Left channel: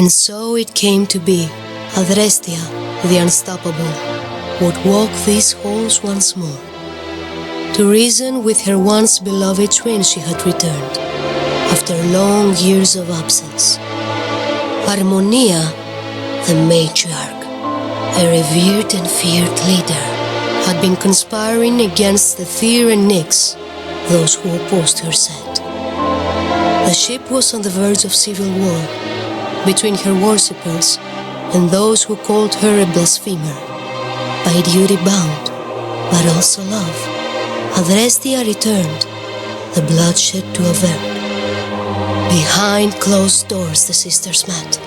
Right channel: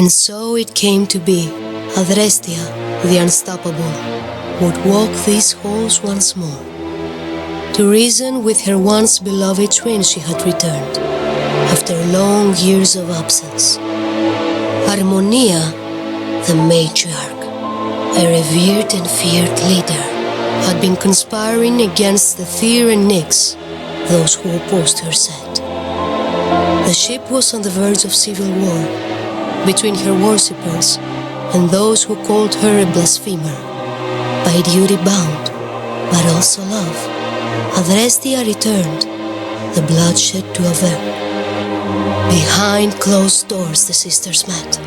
And so it came to be. Adestria, the unstoppable, would walk these halls once more. To reason with her once beloved twin she had returned, after long years of absence. Harmonia, the matriarch, a revered and feared leader, had been conspiring against the Tyr and Nyx, those who opposed her set. The ship was on the verge of civil war, between her worshippers and those who called her a blasphemer. By duty bound, but also love, Adestria returned, the bloodshed to avert. Behind closed doors the sisters met.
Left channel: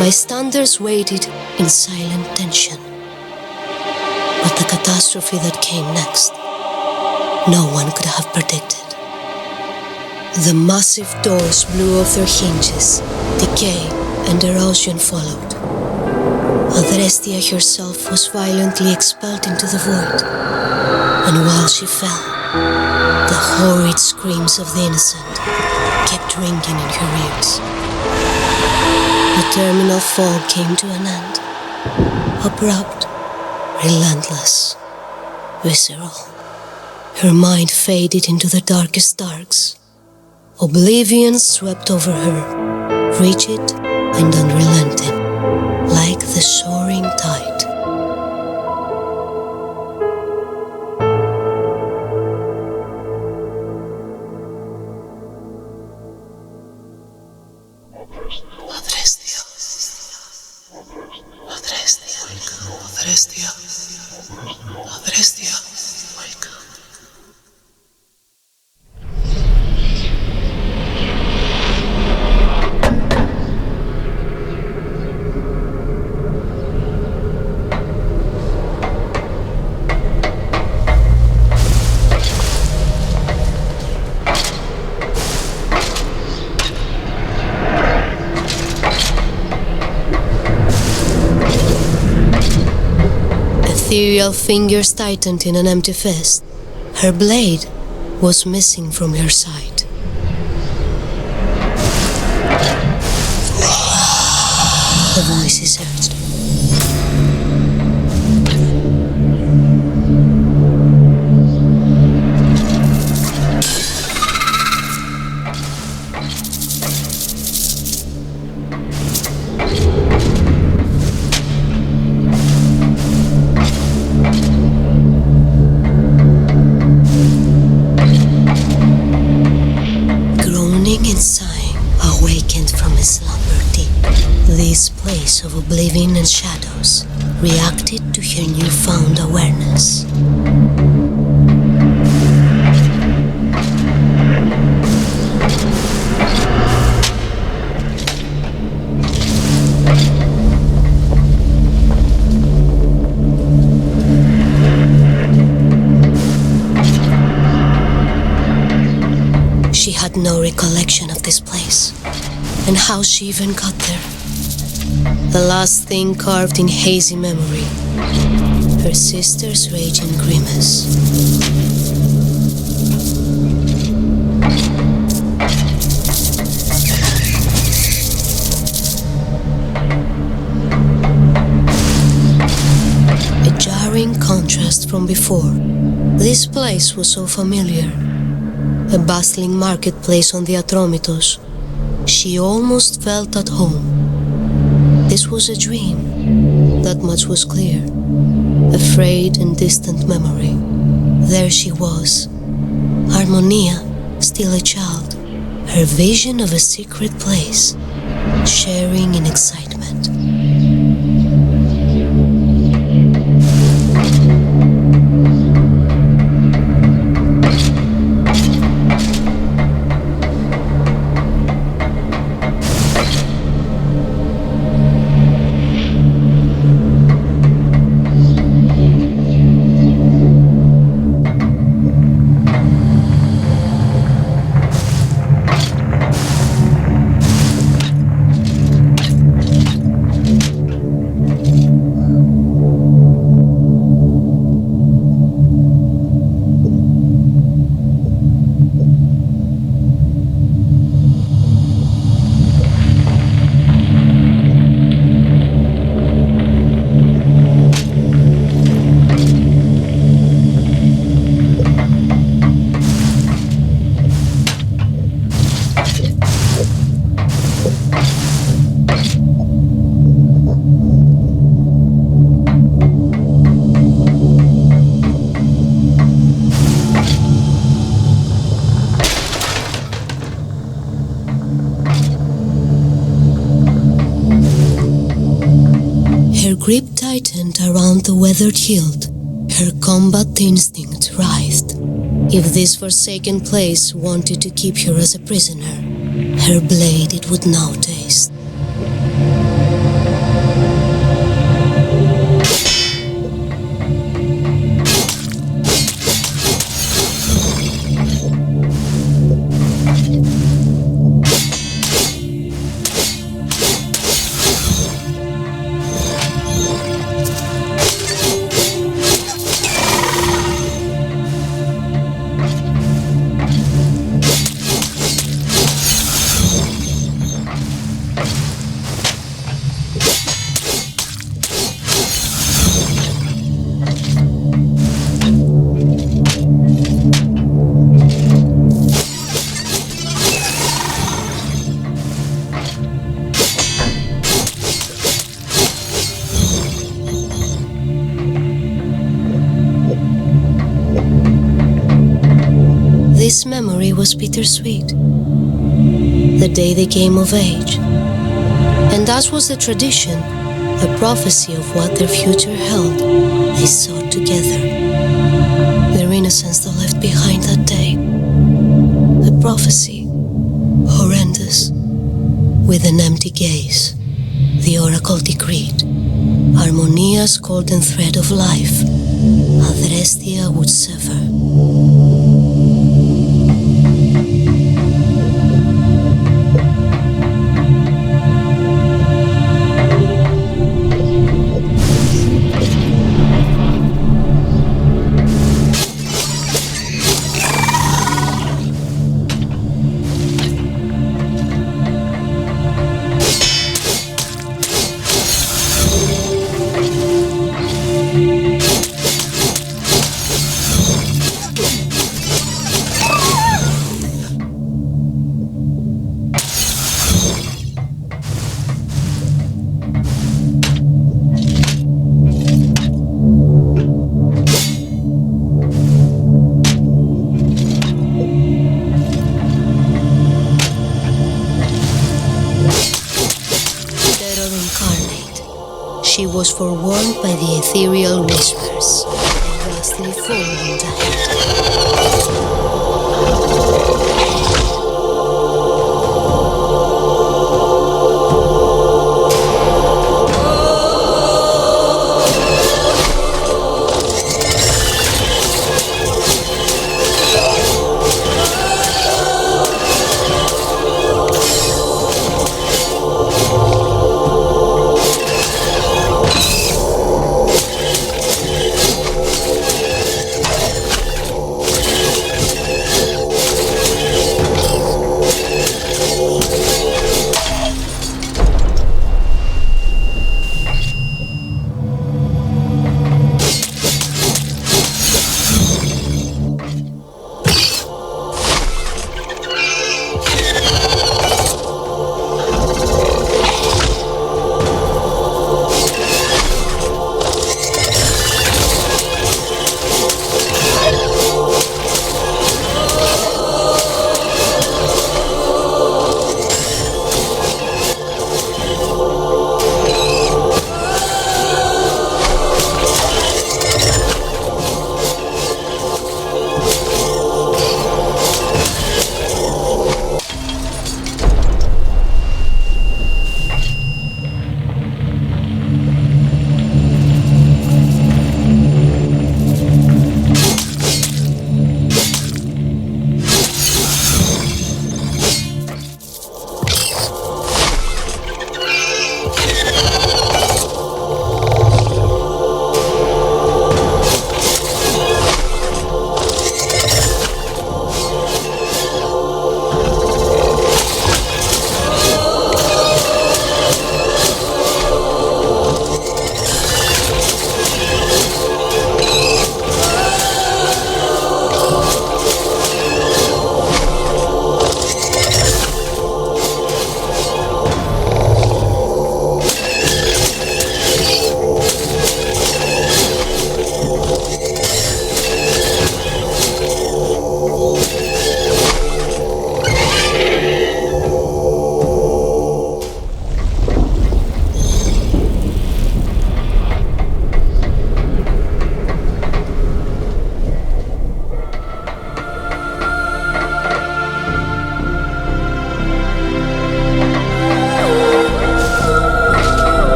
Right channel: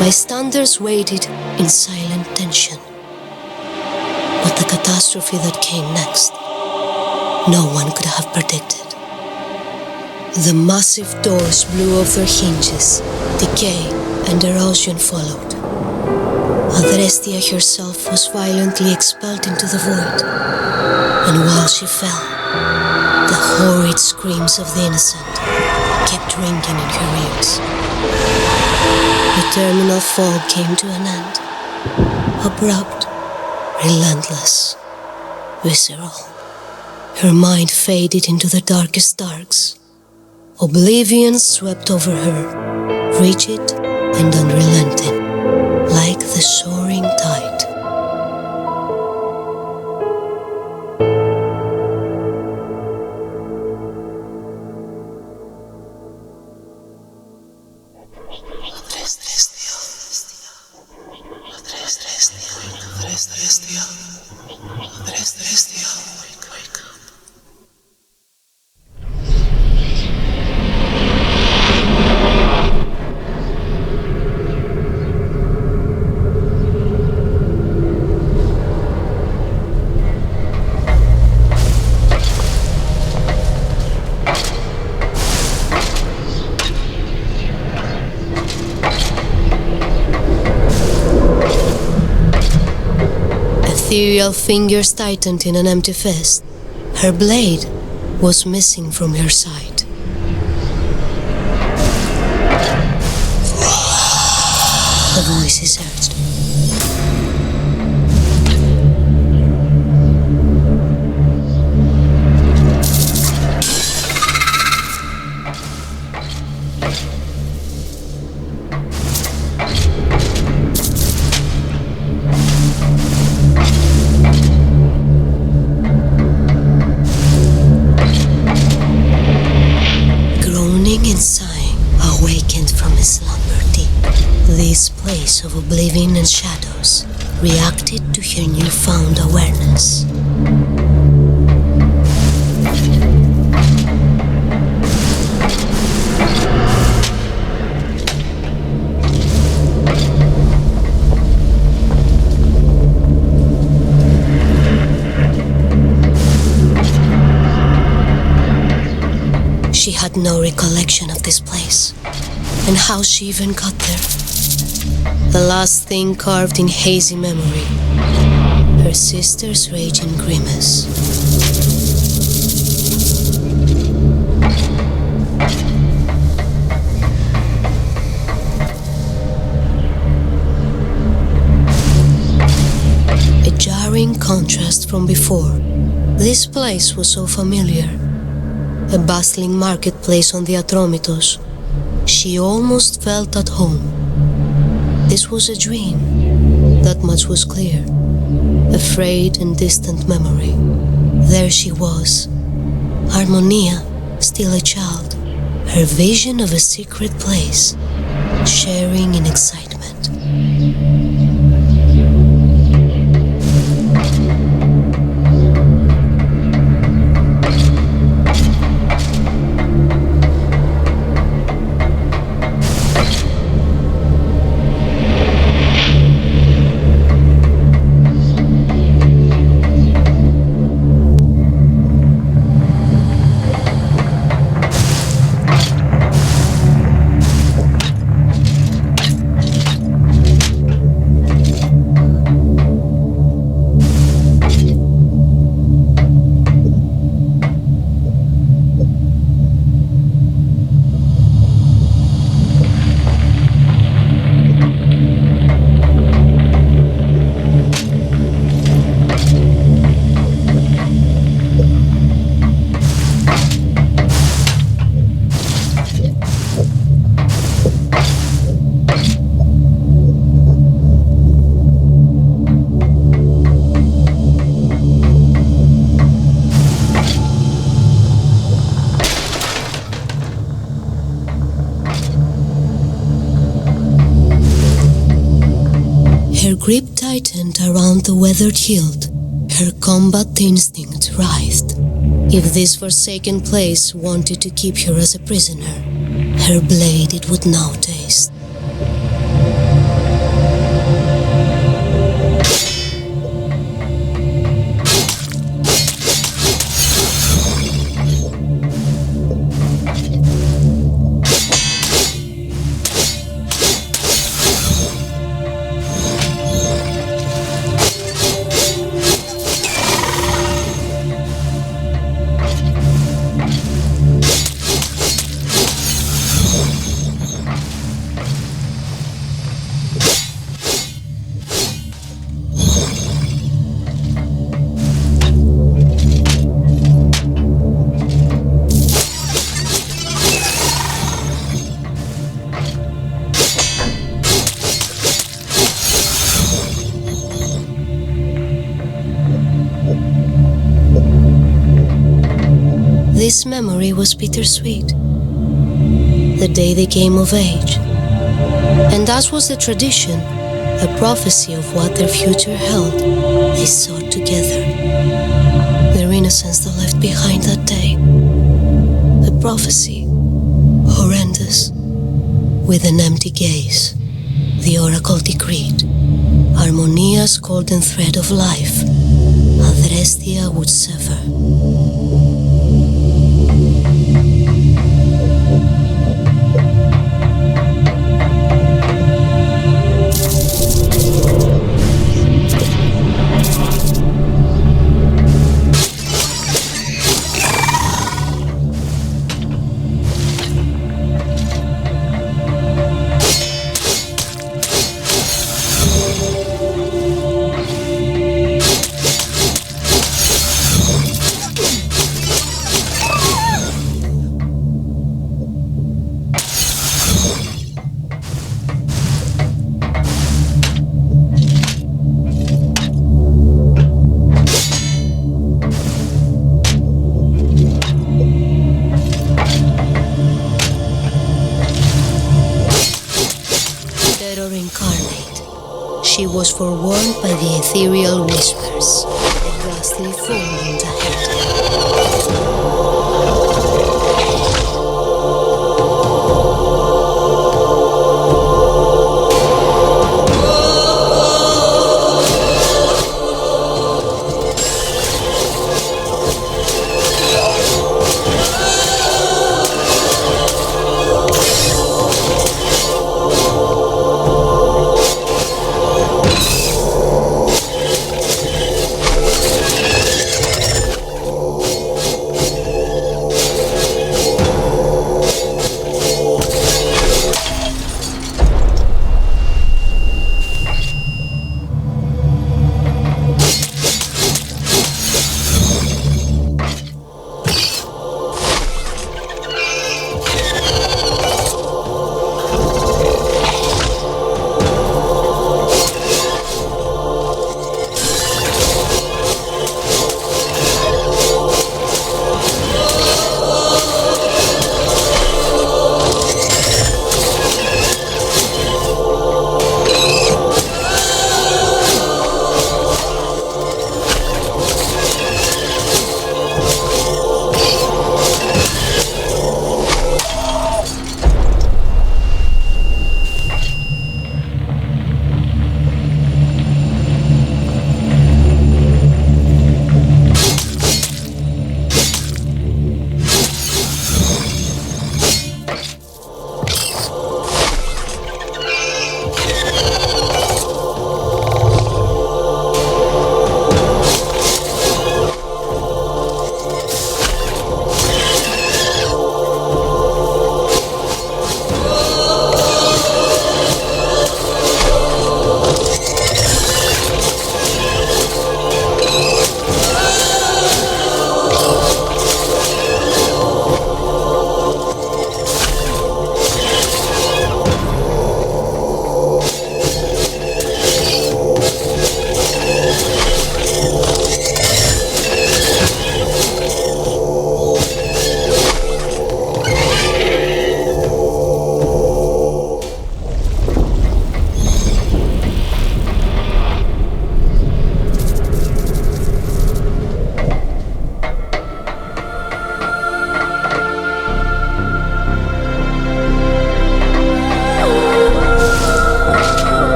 Bystanders waited in silent tension. But the catastrophe that came next, no one could have predicted. The massive doors blew off their hinges, decay and erosion followed. Adestria herself was violently expelled into the void, and while she fell, the horrid screams of the innocent kept ringing in her ears. The terminal fog came to an end, abrupt, relentless, visceral. Her mind faded into the darkest darks. Oblivion swept over her, rigid and unrelenting, like the soaring tide. Ethereal fingers tightened in an empty fist. Her blade was missing from her side. The voices urged. And sighing, awakened from his slumber deep, this place of oblivion and shadows reacted to her newfound awareness. She had no recollection of this place, and how she even got there. The last thing carved in hazy memory, her sister's raging grimace. A jarring contrast from before. This place was so familiar. A bustling marketplace on the Atromitos. She almost felt at home. This was a dream, that much was clear. A frayed and distant memory. There she was, Harmonia, still a child, her vision of a secret place, sharing in excitement. her grip tightened around the weathered hilt, her combat instinct writhed. If this forsaken place wanted to keep her as a prisoner, her blade it would now taste. This memory was bittersweet. The day they came of age. And as was the tradition, a prophecy of what their future held, they sought together. Their innocence they left behind that day. A prophecy, horrendous, with an empty gaze. The oracle decreed, Harmonia's golden thread of life, Adestria would sever. She was forewarned by the ethereal whispers, a ghastly forewarned ahead.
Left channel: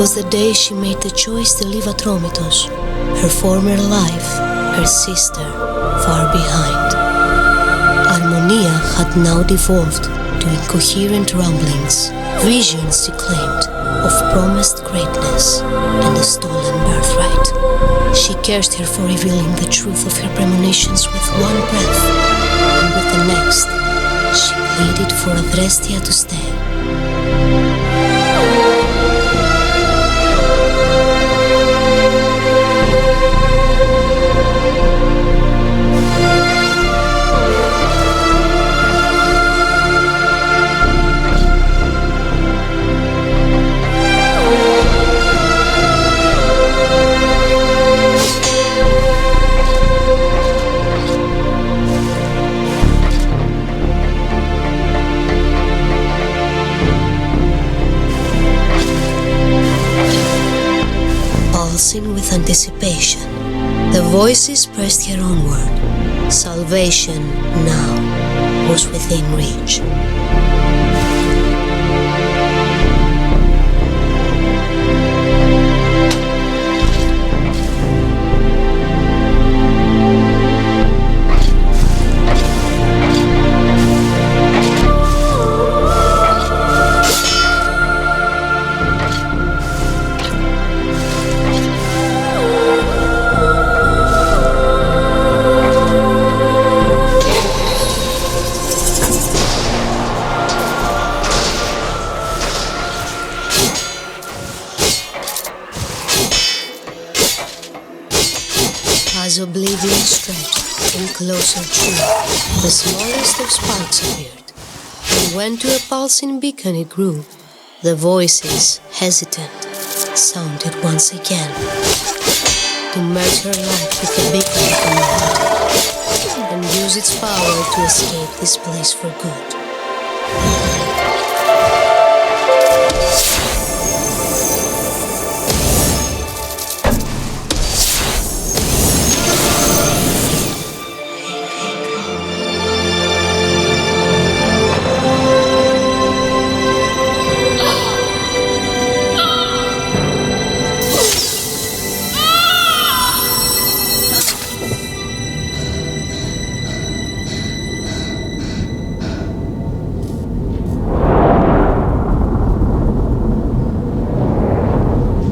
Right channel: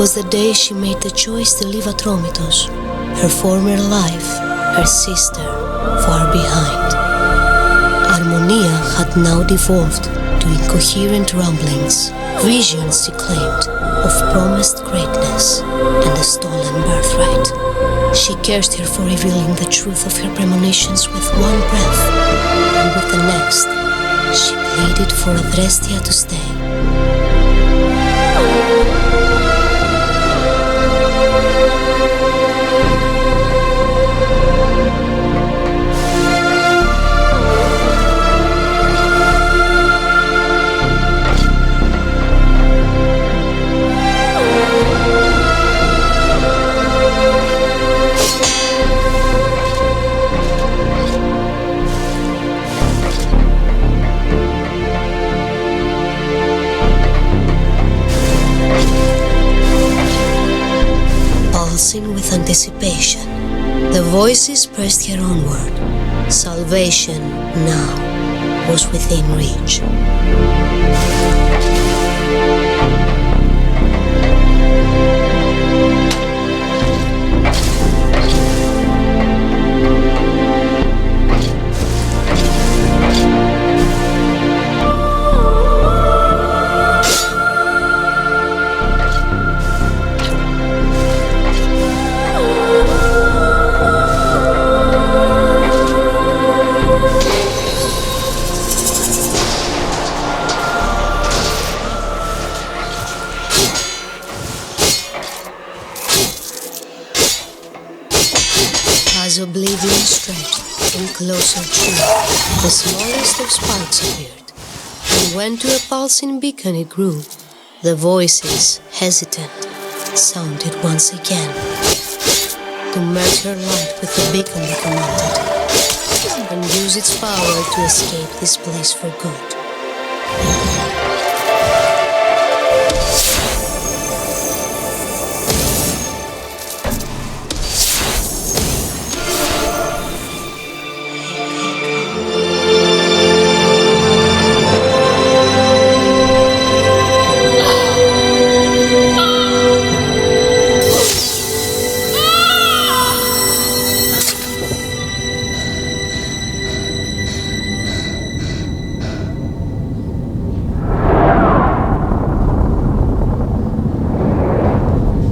was the day she made the choice to leave Atromitos, her former life, her sister, far behind. Harmonia had now devolved to incoherent ramblings, visions she claimed of promised greatness and a stolen birthright. She cursed her for revealing the truth of her premonitions with one breath, and with the next, she pleaded for Adestria to stay. Pulsing with anticipation, the voices pressed her onward. Salvation now was within reach. As oblivion stretched and closer drew, the smallest of sparks appeared, and when to a pulsing beacon it grew, the voices, hesitant, sounded once again. To merge her light with the beacon it commanded, and use its power to escape this place for good.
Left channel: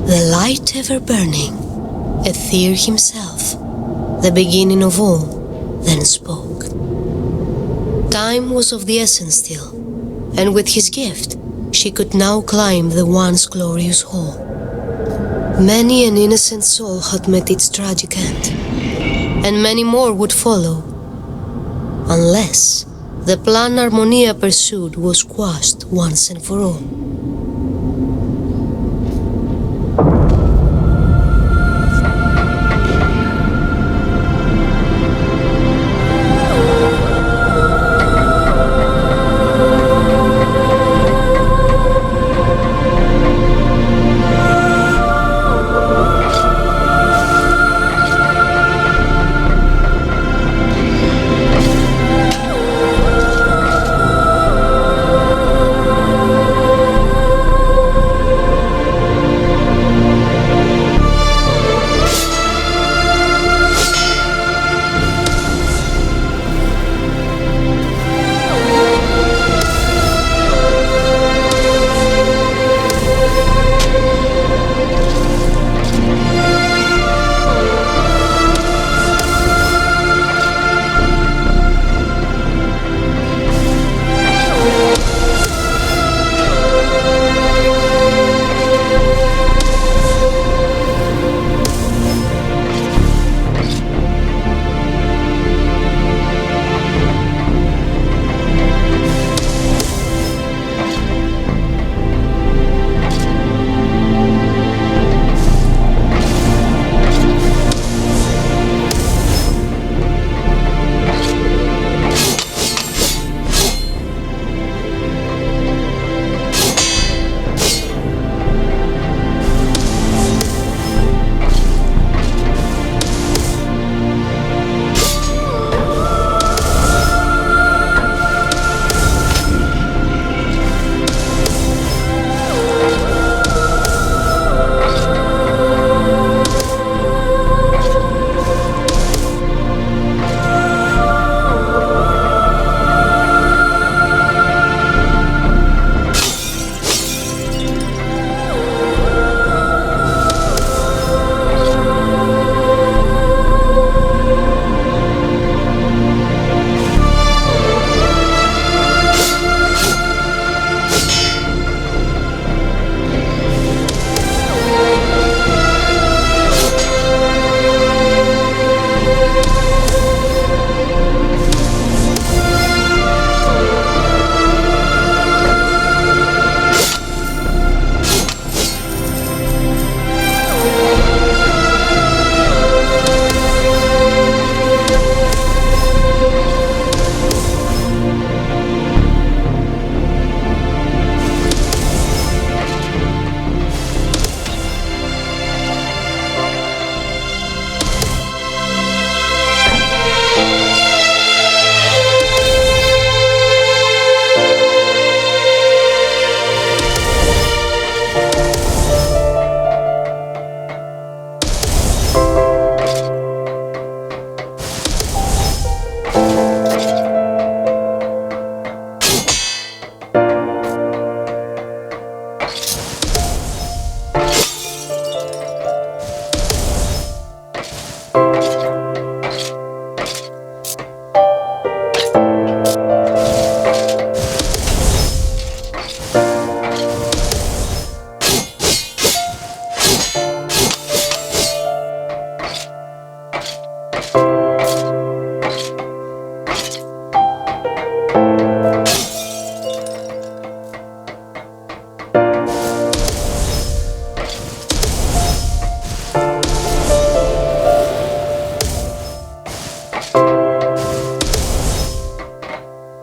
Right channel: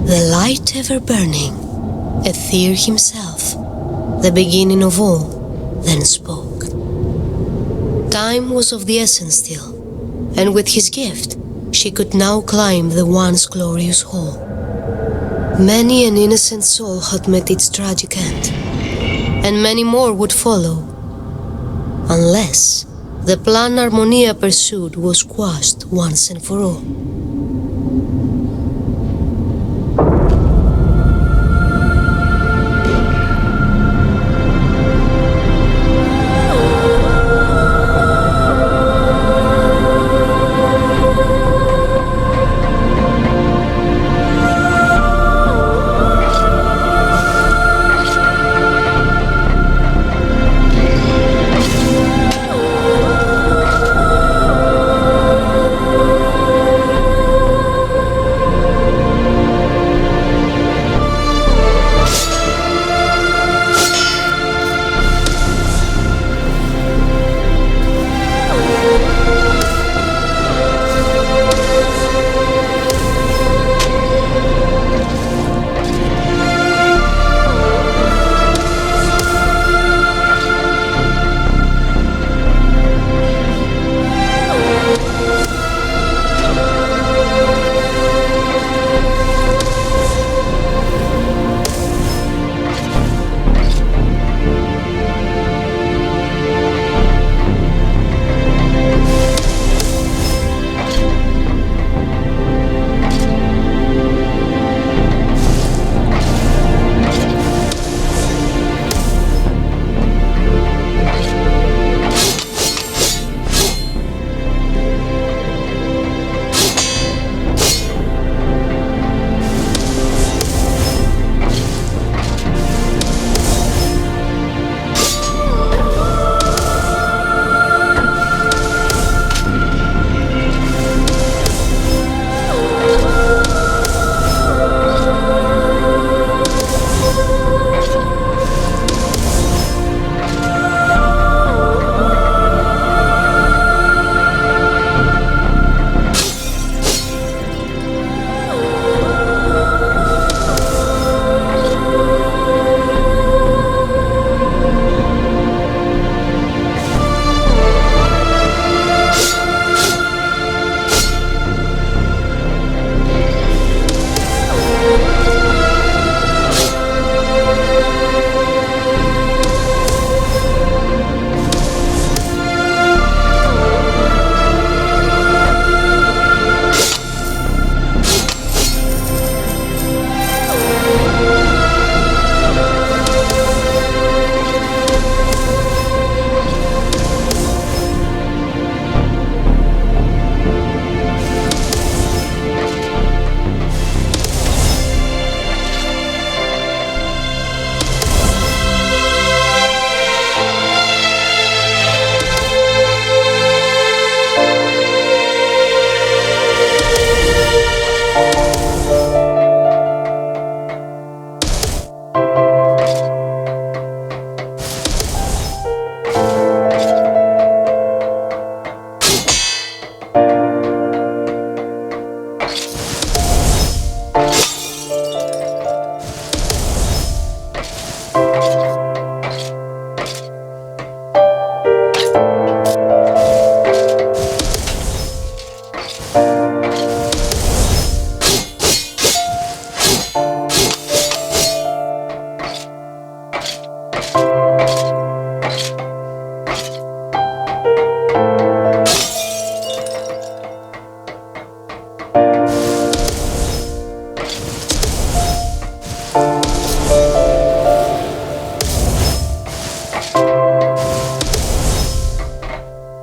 The light ever burning, Aether himself, the beginning of all, then spoke. Time was of the essence still, and with his gift, she could now climb the once glorious hall. Many an innocent soul had met its tragic end, and many more would follow, unless the plan Harmonia pursued was quashed once and for all.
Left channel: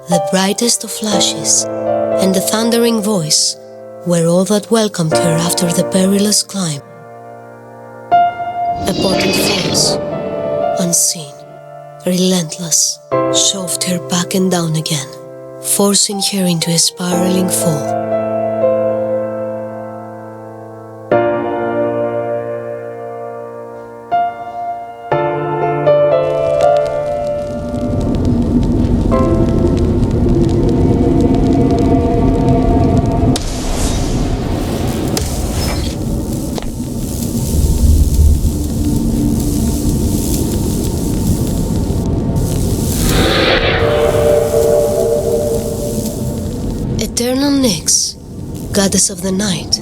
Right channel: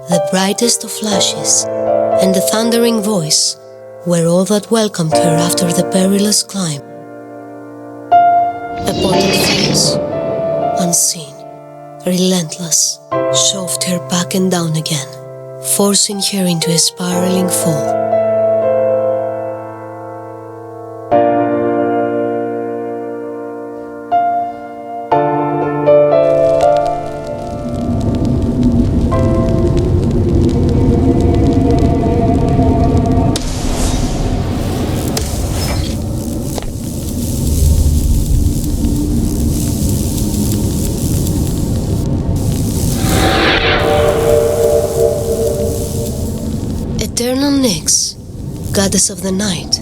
The brightest of flashes and the thundering voice were all that welcomed her after the perilous climb. A potent force, unseen, relentless, shoved her back and down again, forcing her into a spiraling fall. Eternal Nyx, goddess of the night,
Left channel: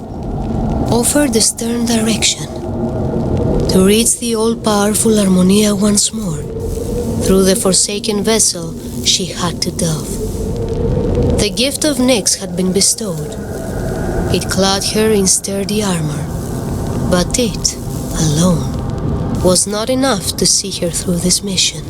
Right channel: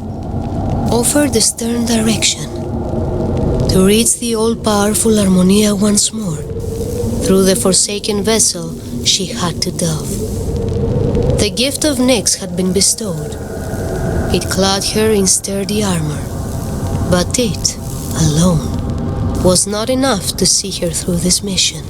offered a stern direction to reach the all-powerful Harmonia once more through the forsaken vessel she had to delve. The gift of Nyx had been bestowed. It clad her in sturdy armor, but it, alone, was not enough to see her through this mission.